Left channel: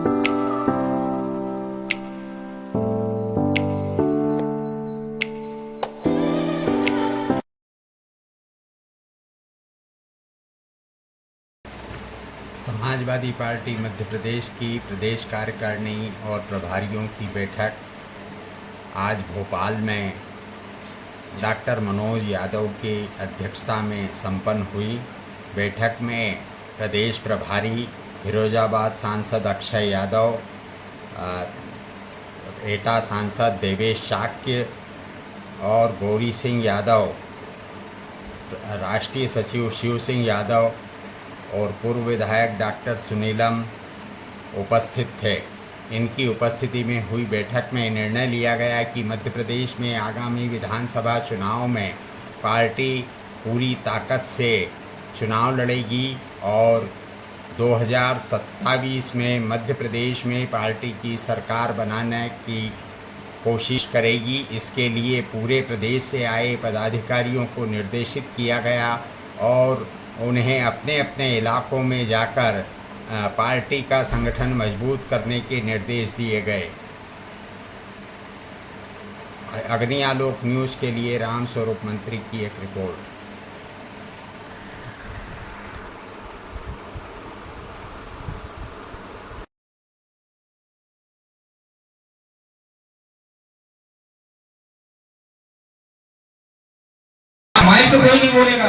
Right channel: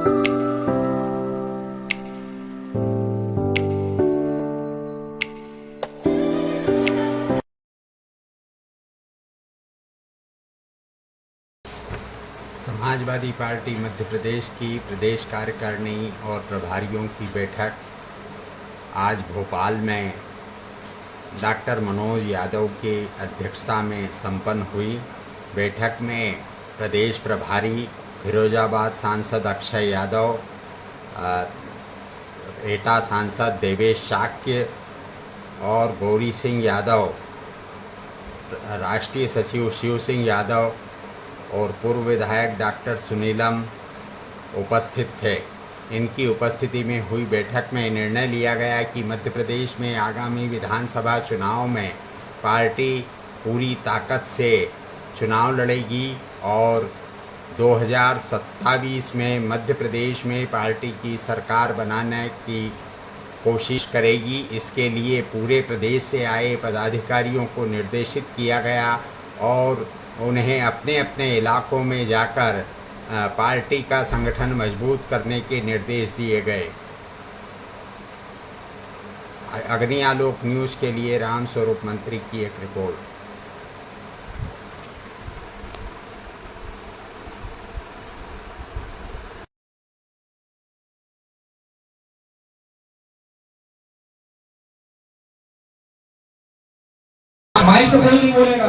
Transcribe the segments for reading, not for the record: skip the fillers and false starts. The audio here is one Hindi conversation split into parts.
समाजवादी पार्टी मध्य प्रदेश की प्रदेश कार्यकारिणी और प्रभारियों की बैठक आज भोपाल में डॉक्टर मनोज यादव की अध्यक्षता में संपन्न हुई। बैठक में प्रदेश प्रभारी फिरोजाबाद सांसद अक्षय यादव, एटा सांसद देवेश शाक्य और गौरी सिंह यादव, राष्ट्रीय सचिव शिव सिंह यादव और पूर्व विधायक डॉक्टर सुनीलम उपस्थित थे। इनकी उपस्थिति में हुई बैठक में निर्णय लिया गया कि मध्य प्रदेश में आगामी विधानसभा चुनाव में पार्टी पूरी ताकत से चुनाव लड़ेगी और 2027 में मध्य प्रदेश में पार्टी की सरकार बनाने की कोशिश करेगी। इसके लिए पूरे प्रदेश से आए पदाधिकारियों को निर्देशित किया गया और उन्हें अपने अपने इलाकों में जाकर पार्टी का संगठन मजबूत करने के निर्देश दिए गए। अग्नि आलोक न्यूज़ के लिए राम स्वरूप मंत्री की एक रिपोर्ट। माइक से कोई नहीं बोलेगा।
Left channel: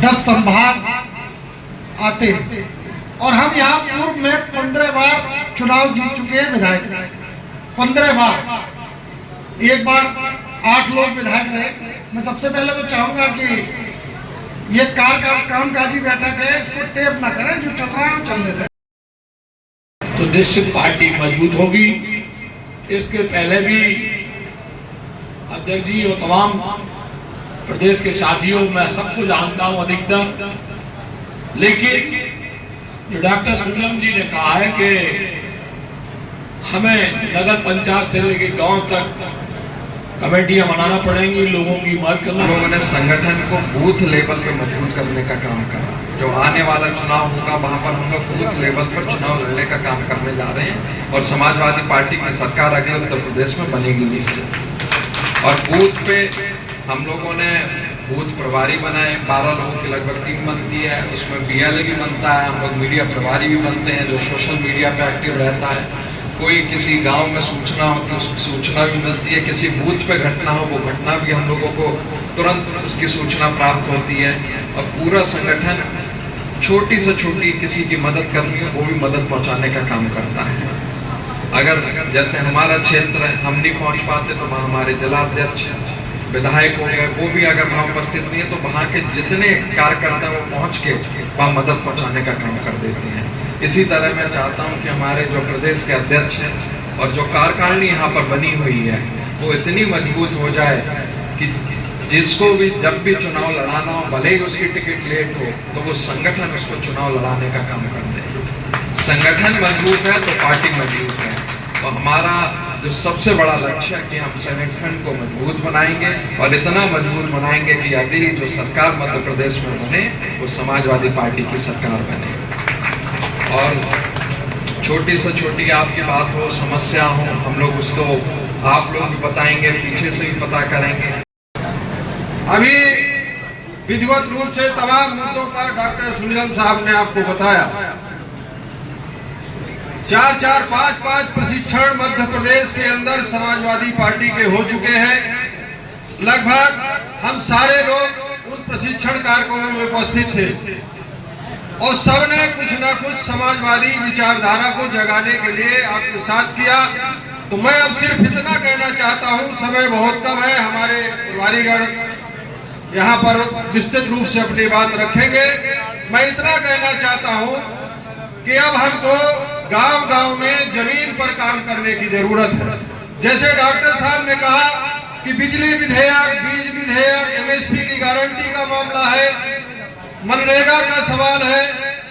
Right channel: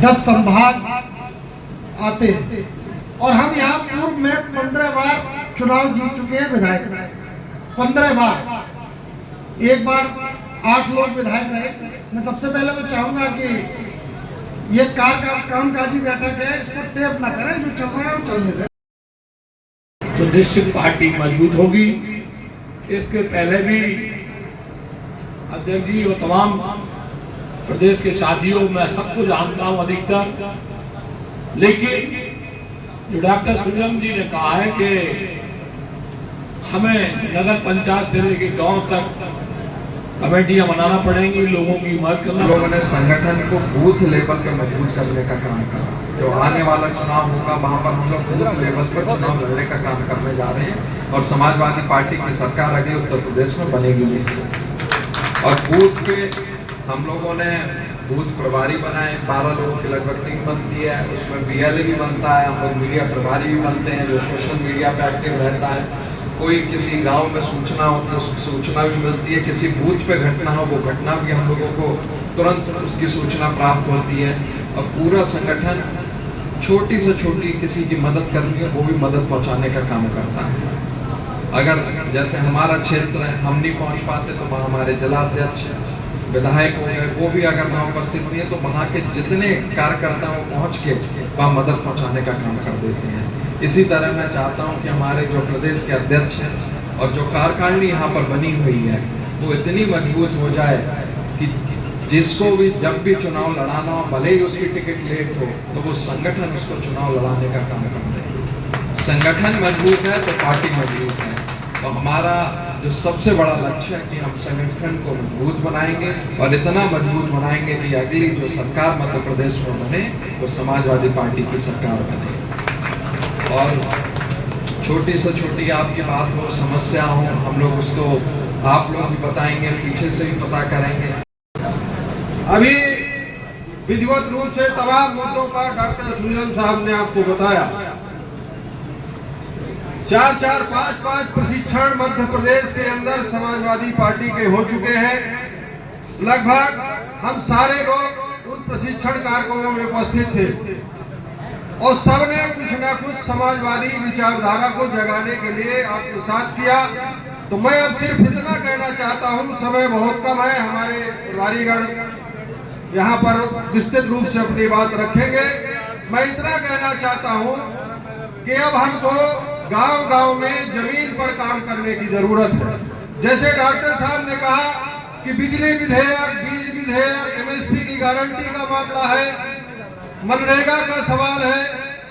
10 संभाग आते हैं और हम यहाँ पूर्व में 15 बार चुनाव जीत चुके हैं विधायक, 15 बार। एक बार 8 लोग विधायक रहे। मैं सबसे पहले तो चाहूंगा कि ये कामकाजी बैठक है, इसको टेप ना करें, जो चल रहा है वो चलने दें। तो निश्चित पार्टी मजबूत होगी। इसके पहले भी अध्यक्ष जी और तमाम प्रदेश के साथियों, मैं सबको जानता हूं अधिकतर, लेकिन जो डॉक्टर सुनीलम जी ने कहा है कि हमें नगर पंचायत से लेकर गांव तक कमेटियां बनाना पड़ेंगी, लोगों की मदद करना। लोगों ने संगठन को बूथ लेवल पे मजबूत करने का काम करा। जो आने वाला चुनाव होगा वहां पर हम लोग बूथ लेवल पर चुनाव लड़ने का काम करने जा रहे हैं और समाजवादी पार्टी की सरकार अगले उत्तर प्रदेश में बनेगी निश्चित। और बूथ पे हम लोगों ने बूथ प्रभारी बनाए, 12 लोगों की लगभग टीम बनती है। उसमें BLA भी बनता है, हम लोग मीडिया प्रभारी भी बनते हैं जो सोशल मीडिया पे एक्टिव रहता है। कोई किसी गांव में सूचना होती है, उसकी सूचना भी मिलती है। किसी बूथ पे घटना हो, वो घटना भी हम लोगों को तुरंत उसकी सूचना प्राप्त होती है। और पूरा संगठन छोटी से छोटी किसी की मदद करनी है वो भी मदद पहुंचाने का काम करता है। अगर जैसे हमारा क्षेत्र हम नहीं पहुंच पाते तो वहाँ हमारे जिलाध्यक्ष विधायक हो गए, वो भी अगर वहाँ उपस्थित नहीं है तो वहाँ के जितने कार्यकर्ता वो पहुँच के वहाँ मदद पहुँचाने का काम कर देते हैं। इसी तरह मैं चाहता हूँ कि हमारे जो प्रदेश के अध्यक्ष हैं और जो कार्यकारिणी यहाँ पर बनी हुई है वो इतनी मजबूत हो जाए कि जिसको भी जब भी चुनाव लड़ाना हो, भले ही उसकी टिकट लेट हो, तो वो संगठन उसको चुनाव लड़ाने का काम करते हैं। संगठन मजबूत है तो पार्टी मजबूत है। और हमारा जो सबसे बड़ा लक्ष्य है कि हम संगठन को मजबूत बनाएंगे और इतना मजबूत बनाएंगे कि अगली जो सरकार मध्य प्रदेश में बने वो समाजवादी पार्टी की सरकार बने। और छोटी से छोटी आपकी बात हो, समस्या हो, हम लोग उसको आप लोग भी बताएंगे, पीछे से भी पता करेंगे। अभी विधिवत रूप से तमाम मुद्दों का डॉक्टर सुनीलम साहब ने आपको बताया। 4-4, 5-5 प्रशिक्षण मध्य प्रदेश के अंदर समाजवादी पार्टी के हो चुके हैं। लगभग हम सारे लोग उन प्रशिक्षण कार्यक्रमों में उपस्थित थे और सबने कुछ न कुछ समाजवादी विचारधारा को जगाने के लिए आत्मसात किया। तो मैं अब सिर्फ इतना कहना चाहता हूं, समय बहुत कम है, हमारे प्रभारीगण यहाँ पर विस्तृत रूप से अपनी बात रखेंगे। मैं इतना कहना चाहता हूं कि अब हमको गांव-गांव में जमीन पर काम करने की जरूरत है। जैसे डॉक्टर साहब ने कहा कि बिजली विधेयक, बीज विधेयक, MSP की गारंटी का मामला है, मनरेगा का सवाल है,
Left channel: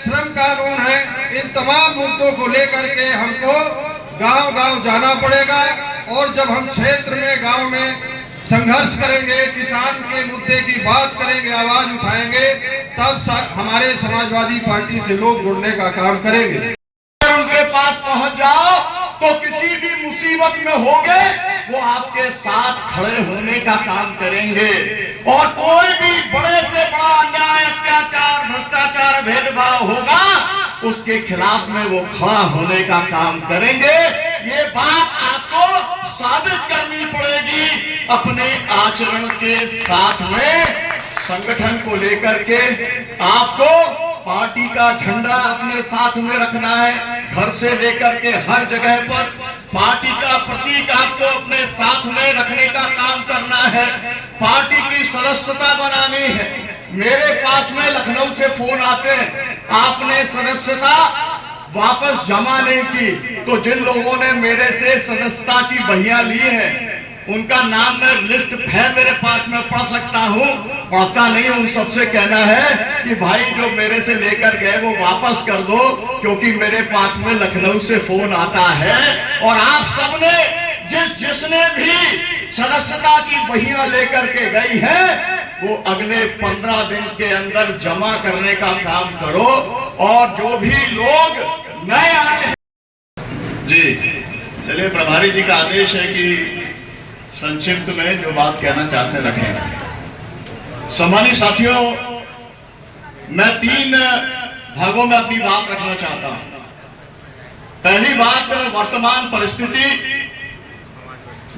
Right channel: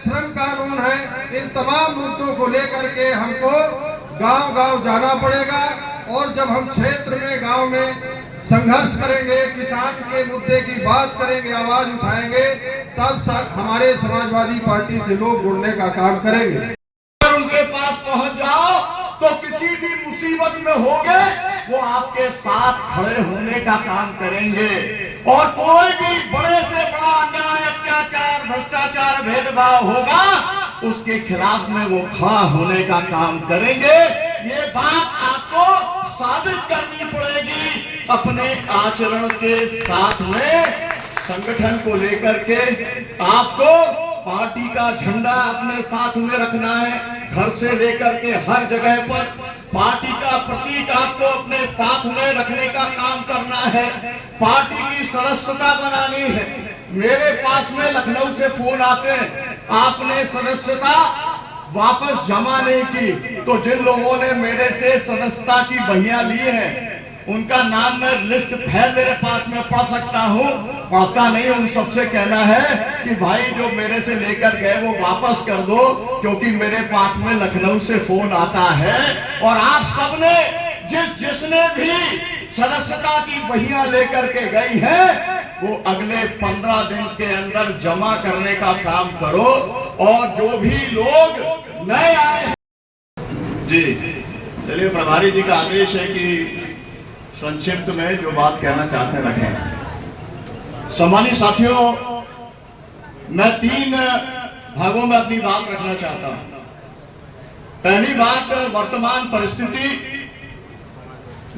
श्रम कानून है, इन तमाम मुद्दों को लेकर के हमको गांव-गांव जाना पड़ेगा। और जब हम क्षेत्र में, गांव में संघर्ष करेंगे, किसान के मुद्दे की बात करेंगे, आवाज उठाएंगे, तब हमारे समाजवादी पार्टी से लोग जुड़ने का काम करेंगे। उनके पास पहुंच जाओ तो किसी भी मुसीबत में होंगे वो आपके साथ खड़े होने का काम करेंगे, और कोई भी बड़े से बड़ा अन्याय, अत्याचार, भ्रष्टाचार, भेदभाव होगा उसके खिलाफ में वो खड़ा होने का काम करेंगे। ये बात आपको साबित करनी पड़ेगी अपने आचरण के साथ में। संगठन को लेकर के आपको पार्टी का झंडा अपने साथ में रखना है, घर से लेकर के हर जगह पर पार्टी का प्रतीक आपको अपने साथ में रखने का काम करना है, पार्टी की सदस्यता बनानी है। मेरे पास में लखनऊ से फोन आते हैं, आपने सदस्यता वापस जमा नहीं की, तो जिन लोगों ने मेरे से सदस्यता की बहियां ली है उनका नाम मैं लिस्ट है मेरे पास में पढ़ सकता हूं, पढ़ता नहीं। उन सबसे कहना है कि भाई जो मेरे से लेकर गए वो वापस कर दो, क्योंकि मेरे पास में लखनऊ से फोन आता है। और आप सबने जिसने भी सदस्यता की बहियां लेकर के गई है वो अगले 15 दिन के अंदर जमा करने का काम करो। और जो भी लोग नए आए जी, चलिए, प्रभारी जी का आदेश है कि संक्षिप्त में जो बात कहना चाहते हैं रखें। सम्मानित साथियों, मैं 3 भागों में अपनी बात रखना चाहता हूं। पहली बात वर्तमान परिस्थिति,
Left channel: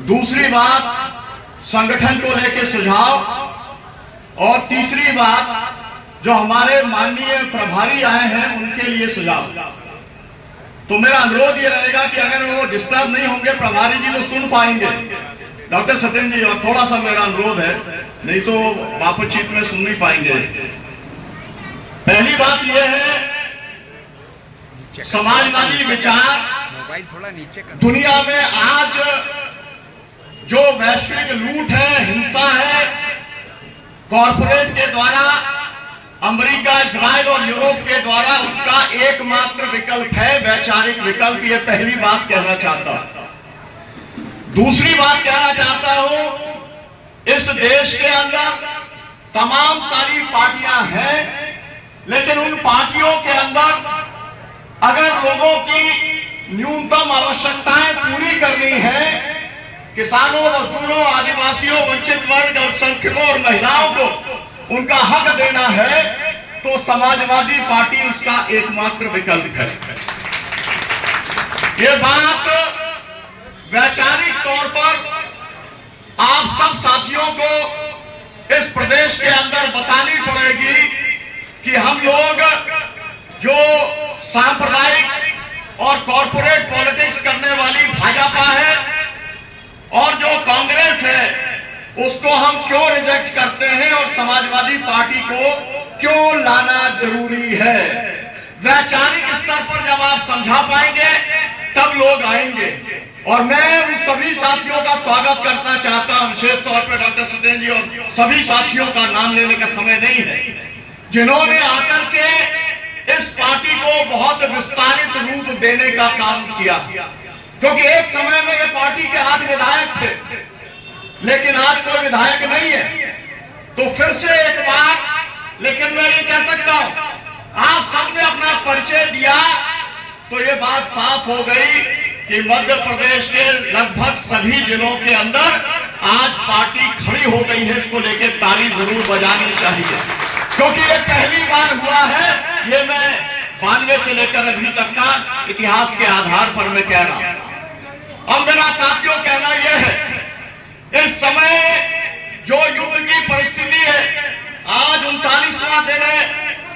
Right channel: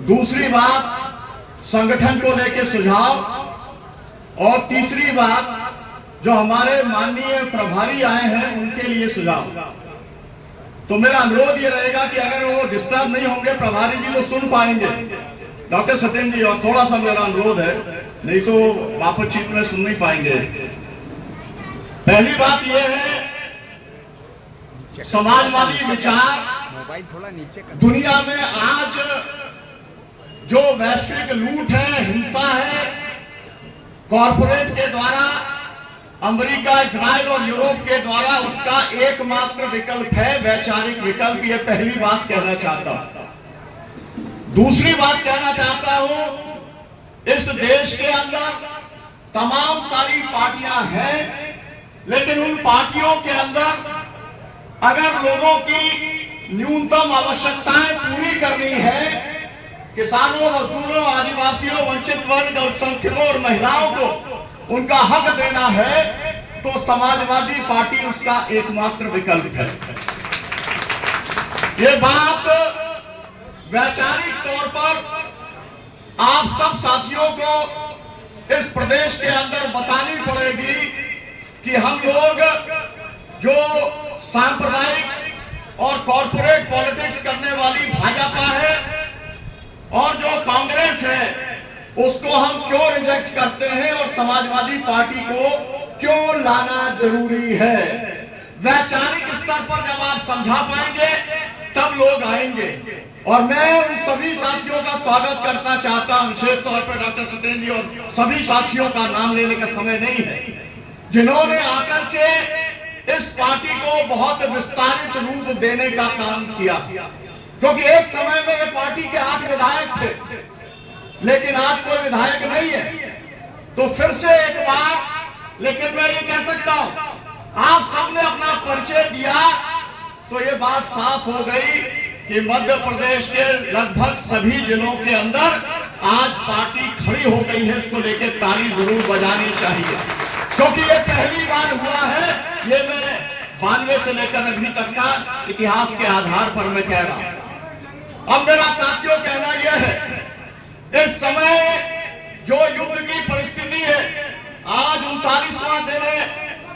दूसरी बात संगठन को लेकर सुझाव, और तीसरी बात जो हमारे माननीय प्रभारी आए हैं उनके लिए सुझाव। तो मेरा अनुरोध ये रहेगा कि अगर वो डिस्टर्ब नहीं होंगे, प्रभारी जी वो सुन पाएंगे, डॉक्टर सत्येंद्र जी, और थोड़ा सा मेरा अनुरोध है, नहीं तो बातचीत में सुन नहीं पाएंगे। पहली बात यह है, समाजवादी विचार मोबाइल थोड़ा नीचे कर। दुनिया में आज जो वैश्विक लूट है, हिंसा है, कॉरपोरेट के द्वारा, अमेरिका, इजराइल और यूरोप के द्वारा, उसका एकमात्र विकल्प है वैचारिक विकल्प। ये पहली बात कहना चाहता हूं। दूसरी बात कहना चाहता हूं, इस देश के अंदर तमाम सारी पार्टियां हैं, लेकिन उन पार्टियों के अंदर अगर लोगों की न्यूनतम आवश्यकताएं पूरी करनी है, किसानों, मजदूरों, आदिवासियों, वंचित वर्ग, अल्पसंख्यकों और महिलाओं को उनका हक देना है, तो समाजवादी पार्टी उसका एकमात्र विकल्प है। ये बात वैचारिक तौर पर आप सब साथियों को इस प्रदेश के अंदर बतानी पड़ेगी कि हम लोग जो सांप्रदायिक और कॉरपोरेट पॉलिटिक्स करने वाली भाजपा है और जो कांग्रेस है, उसको हम क्यों रिजेक्ट करते हैं और समाजवादी पार्टी को क्यों लाना जरूरी है। वैचारिक स्तर पर जब आप समझा पाएंगे तब लोग आएंगे। और मैं उन सभी साथियों का स्वागत करना चाहता हूं, विशेष तौर पर डॉक्टर सत्येंद्र जी और सभी साथियों का नाम लेने का समय नहीं है, जिन्होंने आकर के इस पार्टी को बहुत विस्तारित रूप देने का काम किया। क्योंकि एक समय में ये पार्टी के 8 विधायक थे, लेकिन आज कोई विधायक नहीं है। तो फिर से एक बार, लेकिन मैं ये कह सकता हूं, आप सबने अपना परिचय दिया तो ये बात साफ हो गई कि मध्य प्रदेश के लगभग सभी जिलों के अंदर आज पार्टी खड़ी हो गई है। इसको लेकर ताली जरूर बजानी चाहिए, क्योंकि ये पहली बार हुआ है। ये मैं 92 से लेकर अभी तक का इतिहास के आधार पर मैं कह रहा हूं। अब मेरा साथियों कहना यह है, इस समय जो युद्ध की परिस्थिति है, आज 39वां दिन है,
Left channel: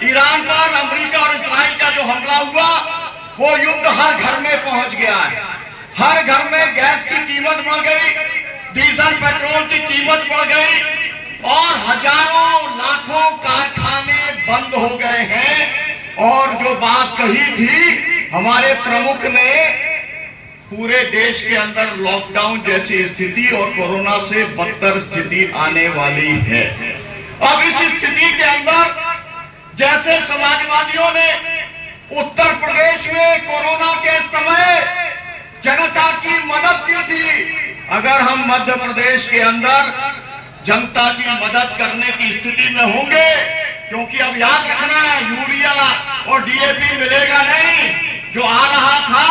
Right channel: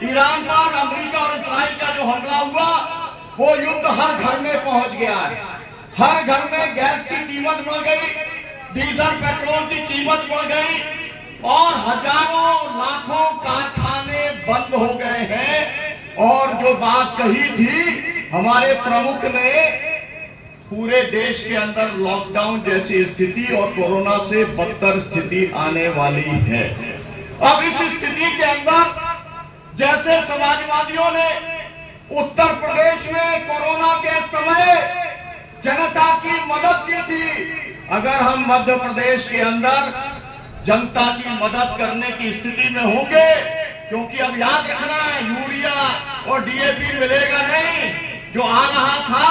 ईरान पर अमेरिका और इस्राइल का जो हमला हुआ, वो युद्ध हर घर में पहुंच गया है। हर घर में गैस की कीमत बढ़ गई, डीजल पेट्रोल की कीमत बढ़ गई, और हजारों लाखों कारखाने बंद हो गए हैं। और जो बात कही थी हमारे प्रमुख ने, पूरे देश के अंदर लॉकडाउन जैसी स्थिति और कोरोना से बदतर स्थिति आने वाली है। अब इस स्थिति के अंदर जैसे समाजवादियों ने उत्तर प्रदेश में कोरोना के समय जनता की मदद की थी। अगर हम मध्य प्रदेश के अंदर जनता की मदद करने की स्थिति में होंगे, क्योंकि अब याद रखना है यूरिया और डीएपी मिलेगा नहीं, जो आ रहा था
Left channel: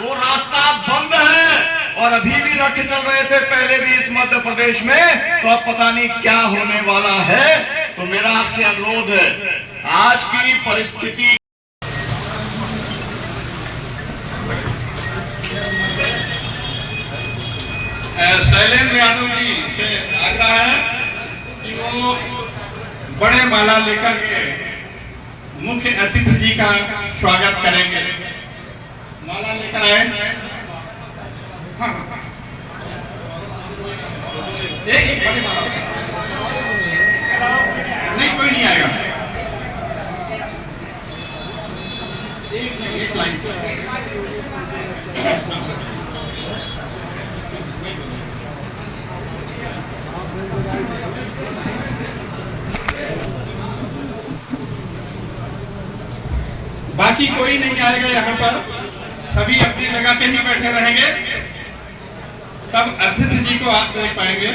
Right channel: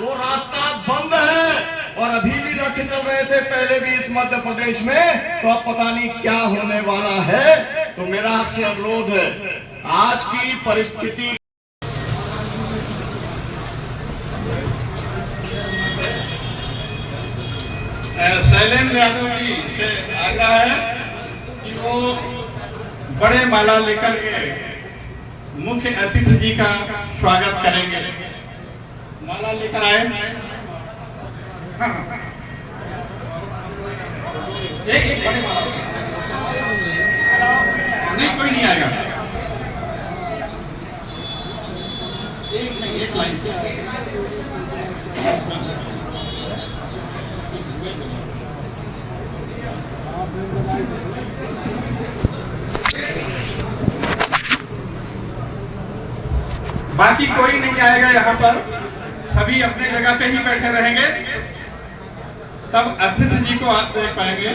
वो रास्ता बंद है और अभी भी रथ चल रहे थे पहले भी इस मध्य प्रदेश में, तो अब पता नहीं क्या होने वाला है। तो मेरा आपसे अनुरोध है, आज की परिस्थिति शैलेंद्र यादव जी से आग्रह है कि वो बड़े माला लेकर के मुख्य अतिथि जी का स्वागत करेंगे। माला लेकर आए। हाँ, एक बड़ी माला नहीं, कोई नहीं आएगा। एक लाइन से बाकी कोई नहीं आएगा यहाँ पर, सभी अपनी जगह पे ही बैठे रहेंगे, तब अतिथि जी को आप देख पाएंगे।